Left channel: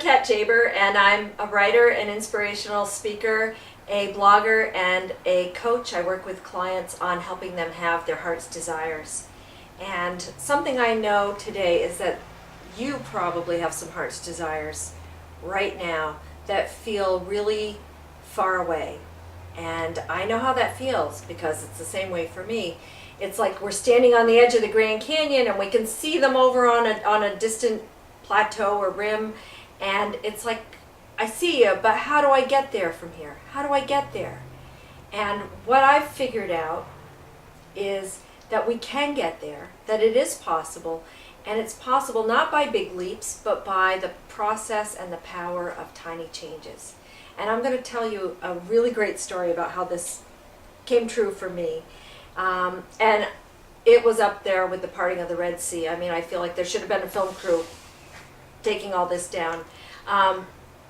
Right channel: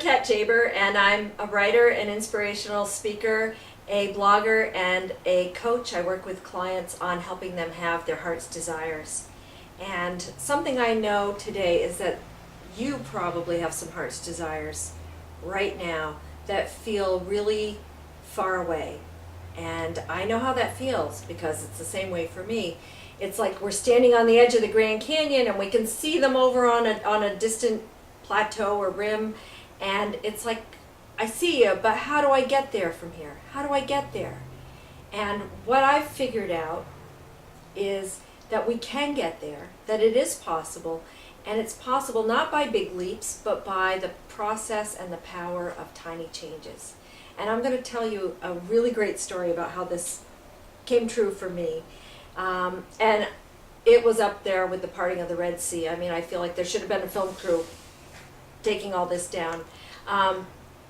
I'm katjaibur, and I'm a writer, an inspirational speaker, a blogger, and a coach. I work with clients on helping them have their heart's desires. And something I know today is that you probably have some heart's desires right now that feel really far away. And I know how that feels because it's the same way for me. It's like we're standing on the edge of the Grand Canyon and we can see them over on a distant plateau or rim, and it's like, I see you, but how do I get there from here? How do I get there? And what I've figured out is that we can get there, that it is possible, and it's possible not by big leaps, but by the process and the power of tiny changes. And I'm going to tell you a really great story about how this came true for me. And it was up there with the parting of the Red Sea. I mean, I feel like there should have been a film crew taking all this down.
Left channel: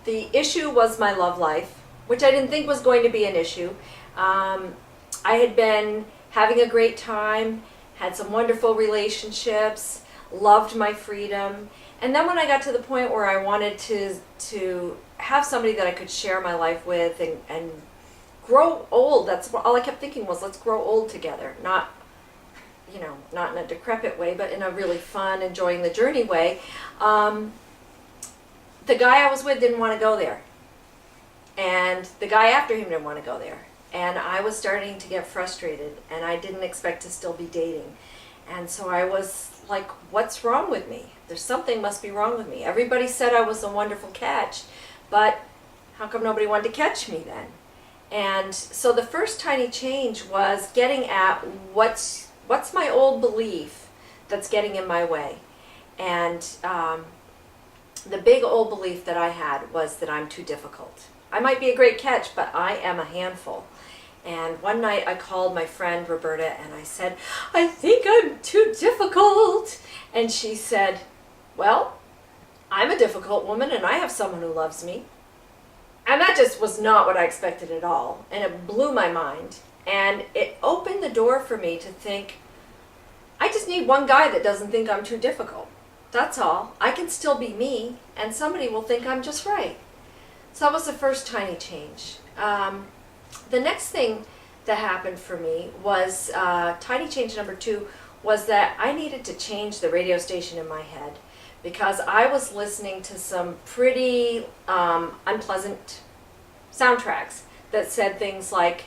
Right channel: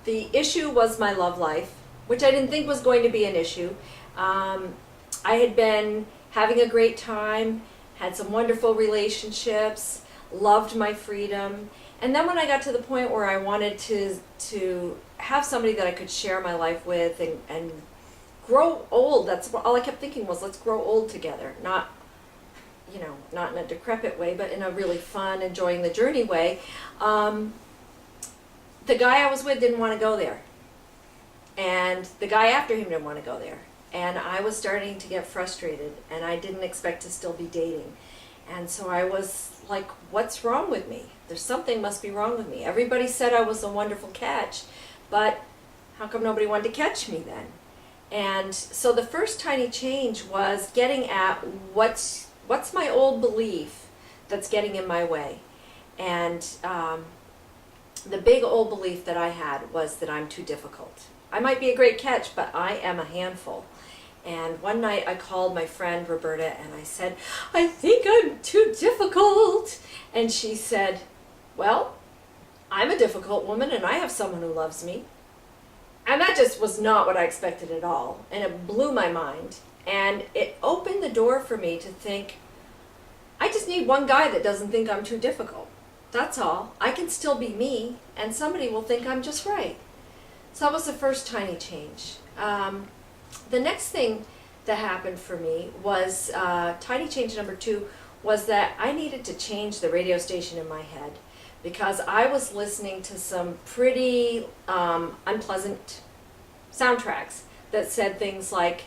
The issue was my love life, which I didn't think was going to be an issue. I had been having a great time, had some wonderful relationships, loved my freedom. And then when I got to the point where I wanted to have somebody that I could share my life with and grow old, that's all I kept thinking was, let's grow old together. Not in a decrepit way, but in a really fun, enjoying the journey way. The guy I was with didn't want to go there. And the guy after him didn't want to go there. And I was starting to get frustrated, and I didn't expect to still be dating. And so I was like, what's wrong with me? There's something must be wrong with me. Everybody said I was a wonderful catch, but how come nobody wanted to catch me then? And so the first tiny change was getting at what's my old belief that's getting in my way. And the big old belief that I had was that I'm too difficult. I might be a great catch, but I am a handful. And one night I called my friend Roberta and I said, I think I'm too difficult. And she said, well, I'm a difficult woman and I have someone who loves me. And that just was not what I expected at all. And it blew my mind. And it opened the door for me to think, I just need one guy that doesn't think I'm too difficult. That's all. I can still be me, and somebody will think I'm just right. So that was the first tiny change. The next thing that happened for me was, tiny change number 2, was that I needed to change the radio station in my head, because I was listening to some pretty unpleasant soundtracks that said things like,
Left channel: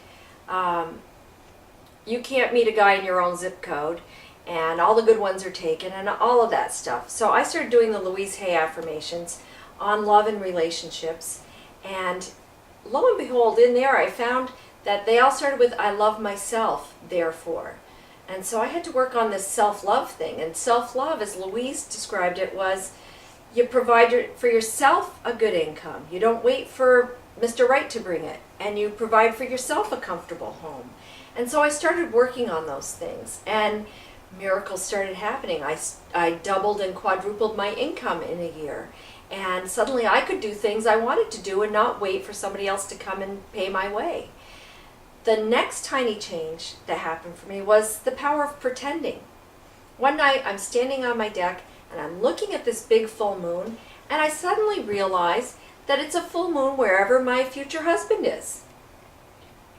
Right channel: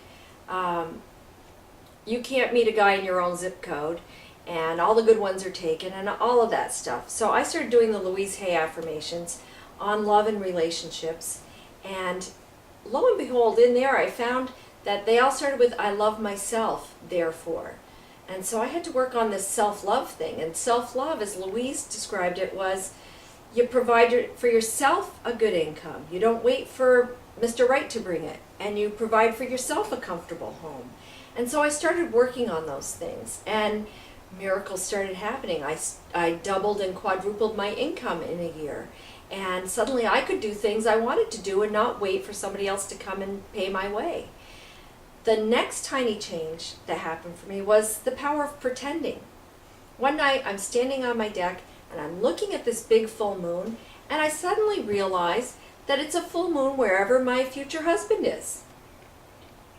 you can't meet a guy in your own zip code, and all the good ones are taken, and all of that stuff. So I started doing the Louise Hay affirmations on love and relationships, and lo and behold, in there I found that they all started with, I love myself, therefore. And so I had to work on this self-love thing, and self-love, as Louise described it, was you provide for yourself a good income. You don't wait for Mr. Right to bring it, and you provide for yourself a comfortable home. And so I started working on those things, and miracles started happening. I doubled and quadrupled my income in a year, and suddenly I could do things I wanted to do and not wait for somebody else to come and pay my way. The next tiny change that happened for me was the power of pretending. One night I'm standing on my deck and I'm looking at this big full moon, and I suddenly realize that it's a full moon wherever my future husband is.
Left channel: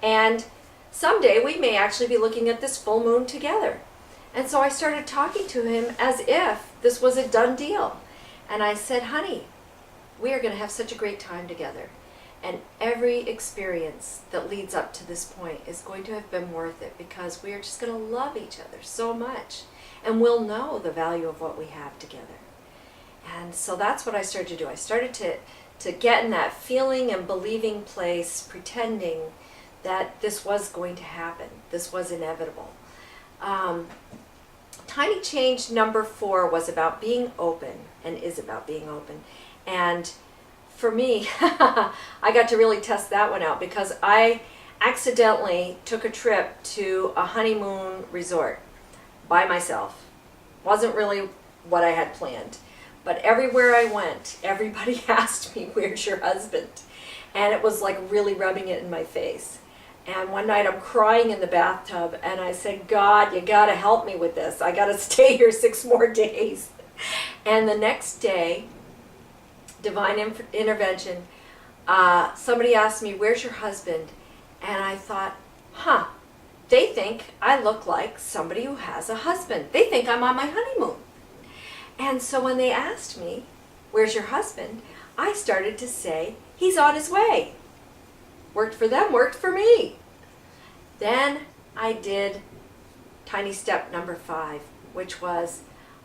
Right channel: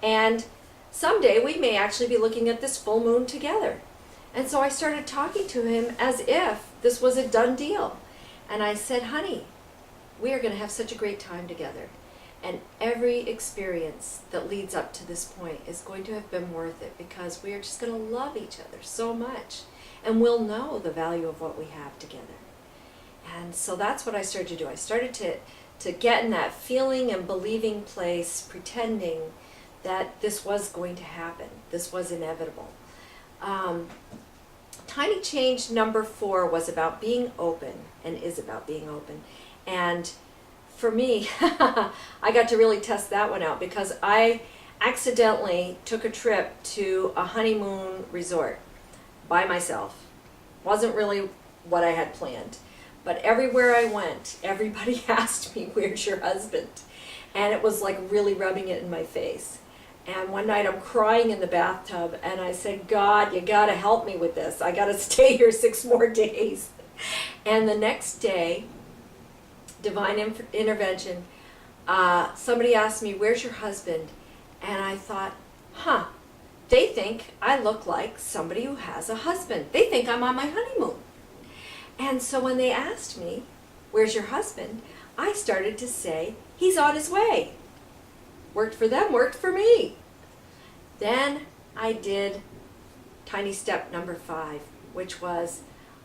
And someday we may actually be looking at this full moon together. And so I started talking to him as if this was a done deal. And I said, honey, we are going to have such a great time together. And every experience that leads up to this point is going to have been worth it, because we are just going to love each other so much. And we'll know the value of what we have together. And so that's what I started to do. I started to get in that feeling and believing place, pretending that this was going to happen. This was inevitable. Tiny change number 4 was about being open, and is about being open. And for me, I got to really test that one out, because I accidentally took a trip to a honeymoon resort by myself. Wasn't really what I had planned. But everywhere I went, everybody asked me, where's your husband? And it was like really rubbing it in my face. And one night I'm crying in the bathtub, and I said, God, you got to help me with this. I got to stay here 6 more days. And the next day, divine intervention. Somebody asked me, "Where's your husband?" And I thought, they think I look like somebody who has a husband. They think I'm on my honeymoon. And so when they asked me, "Where's your husband?" I started to say, "He's on his way." Worked for them, worked for me. Then I did tiny step number 5, which was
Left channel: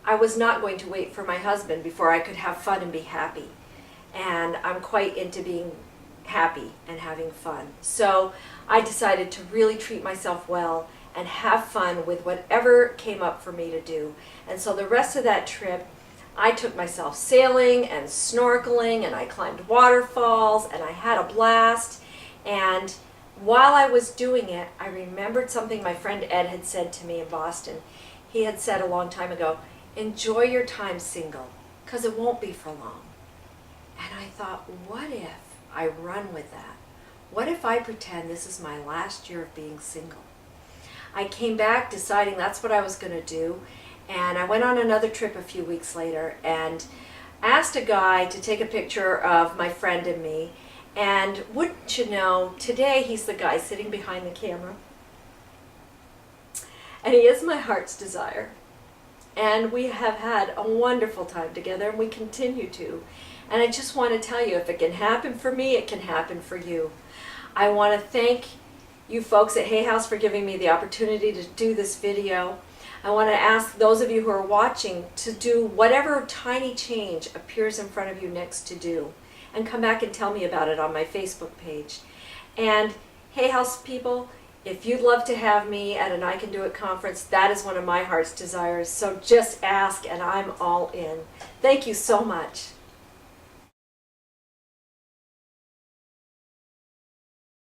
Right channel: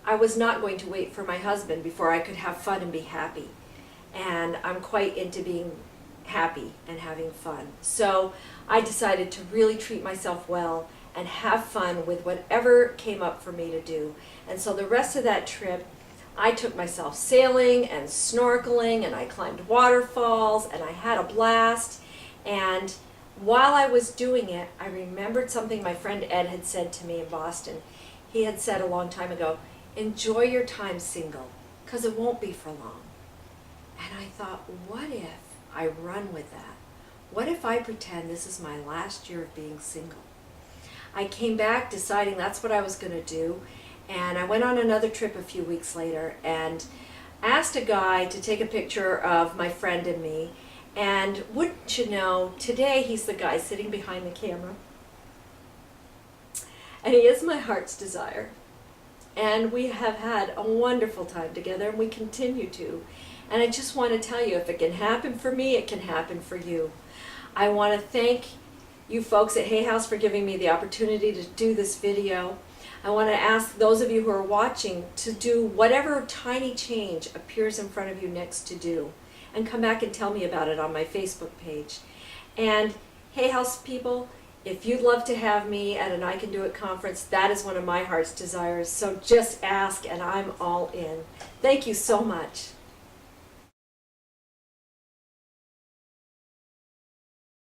I was not going to wait for my husband before I could have fun and be happy. And I'm quite into being happy and having fun. So I decided to really treat myself well and have fun with whatever came up for me to do. And so the rest of that trip, I took myself sailing and snorkeling, and I climbed waterfalls, and I had a blast. And while I was doing it, I remembered something my friend Ed had said to me in Boston. He had said a long time ago, "Enjoy your time single, because it won't be for long." And I thought, what if I run with that? What if I pretend this is my last year of being single? I came back deciding that's what I was going to do, and I went on another trip a few weeks later and asked a guy to take a picture of my friend and me. And wouldn't you know, today he's the guy sitting behind the camera. And he is my heart's desire. And we have had a wonderful time together, and we continue to. And I just want to tell you, if it can happen for me, it can happen for you. I want to thank you folks at Hay House for giving me the opportunity to do this video. I want to ask those of you who are watching to do whatever tiny change appears in front of you next to do, and come back and tell me about it on my Facebook page. And Hay House people, if you'd love to have me at an I Can Do It conference, that is one of my heart's desires. So just ask and I'm all in. Thank you so much.